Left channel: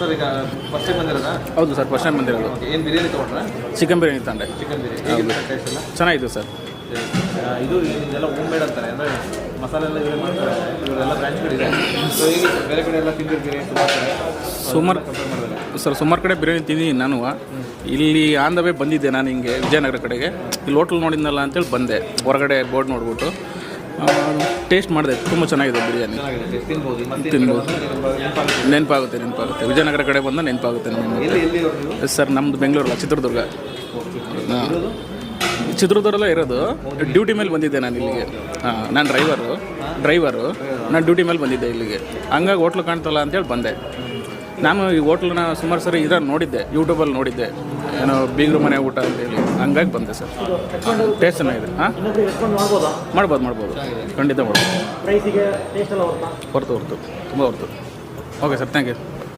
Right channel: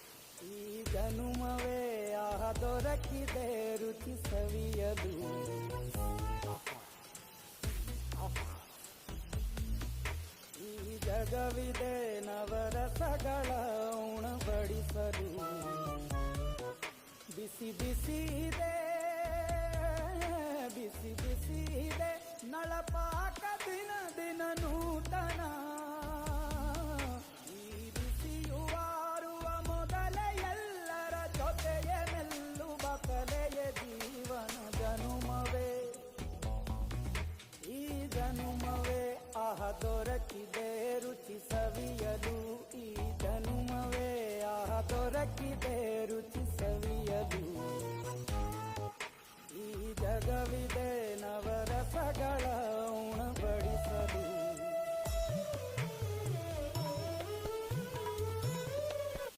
Sir ಈಗ first time ಬಂದಿರೋದಾ? ಹೌದು sir, first time ಬಂದಿರೋದು. ಏನು ಬಿರಿಯಾನಿ ತೊಗೊಂಡ್ರೆ? ಚಿಕನ್ ಬಿರಿಯಾನಿ ತಂದೆ. ಚಿಕನ್ ಬಿರಿಯಾನಿ ಟೇಸ್ಟ್ ಎಲ್ಲ ಚೆನ್ನಾಗಿತ್ತು ಸರ್. ಇದು ಇದೆಲ್ಲ ಹೋಮ್ ಮೇಡ್ ಅಂತಾರೆ, ಅಂದರೆ ಮಸಾಲೆ ಎಲ್ಲ ಇವರೇ ಮಾಡ್ತಾರೆ. ಇವರೆಲ್ಲ ಬ್ರ್ಯಾಂಚ್ಗಳಿದೆ. ಸೊ ಈಗ ಬೇರೆ ಕಡೆ ಎಲ್ಲ ತಿಂದಿರ್ತೀರಿ ಸುಮಾರು ಕಡೆ ಬಿರಿಯಾನಿ ತಿಂದಿದ್ದೀನಿ ನಾನು. ಇಲ್ಲಿ ಆನ್ ದ ವೇ ಬಂದಿದ್ದೆ ನಾನು ಹಿಂಗೆ ವಿಜಯನಗರ ಕಡೆಗೆ. ಇಲ್ಲಿ ಹೋಟ್ಲ್ ನೋಡಿದ್ನಲ್ಲ ಅಂತೇಳಿ ಬಂದೆ, ಹೊರಗಡೆ ಬೋರ್ಡ್ ನೋಡ್ಬಿಟ್ಟು ಟೇಸ್ಟ್ ಮಾಡಿದೆ. ತುಂಬ ಚೆನ್ನಾಗಿದೆ ಬಿರಿಯಾನಿ, ತಿನ್ಬೋದು. ನೆನಪಾಗುತ್ತೆ. ವಿಜಯನಗರ ಕಡೆ ಬಂದ ನೆನಪಾಗುತ್ತೆ ನಮಗೆ. ಸರ್ ನಮ್ಮದು ಬೆಂಗಳೂರಲ್ಲ, ಚಿತ್ರದುರ್ಗ. ಚಿತ್ರದುರ್ಗದಲ್ಲೇ ಇರೋದು. ಡ್ಯೂಟಿ ಮೇಲೆ ಬಂದಿದ್ದೆ ನಾನು ಇಲ್ಲಿಗೆ. ನಾನು ಡ್ರೈವರು ನಾನು ಡ್ಯೂಟಿ ಮೇಲೆ ಬಂದಿದ್ದೆ ಇಲ್ಲಿಗೆ. ಹಂಗಾಗಿ ಹೋಟ್ಲು ಕಾಣ್ತಲ್ಲ ಅಂತೇಳಿ ಬಂದೆ. ನಾನು ಈ ಹೋಟ್ಲನ್ನ ಸುಮಾರು ಸರಿ ಇದನ್ನು ನೋಡಿದ್ದೆ, ಯೂಟ್ಯೂಬಲ್ಲಿ ನೋಡಿದ್ದೆ, ಏನೋ ಬೀಗರು ಮನೆ ಊಟ ಅಂತೇಳಿ. ಹಂಗಾಗಿ ಬಂದೆ ಸರ್. ಟೇಸ್ಟ್ ಚೆನ್ನಾಗಿದೆ. ಹಾಂ, ಮಾಡ್ಬೋದು. ಖಂಡಿತ ಮಾಡ್ಬೋದು. ಹೊರ್ತು ತುಂಬ ಹೊರ್ತು. Okay sir, thank you.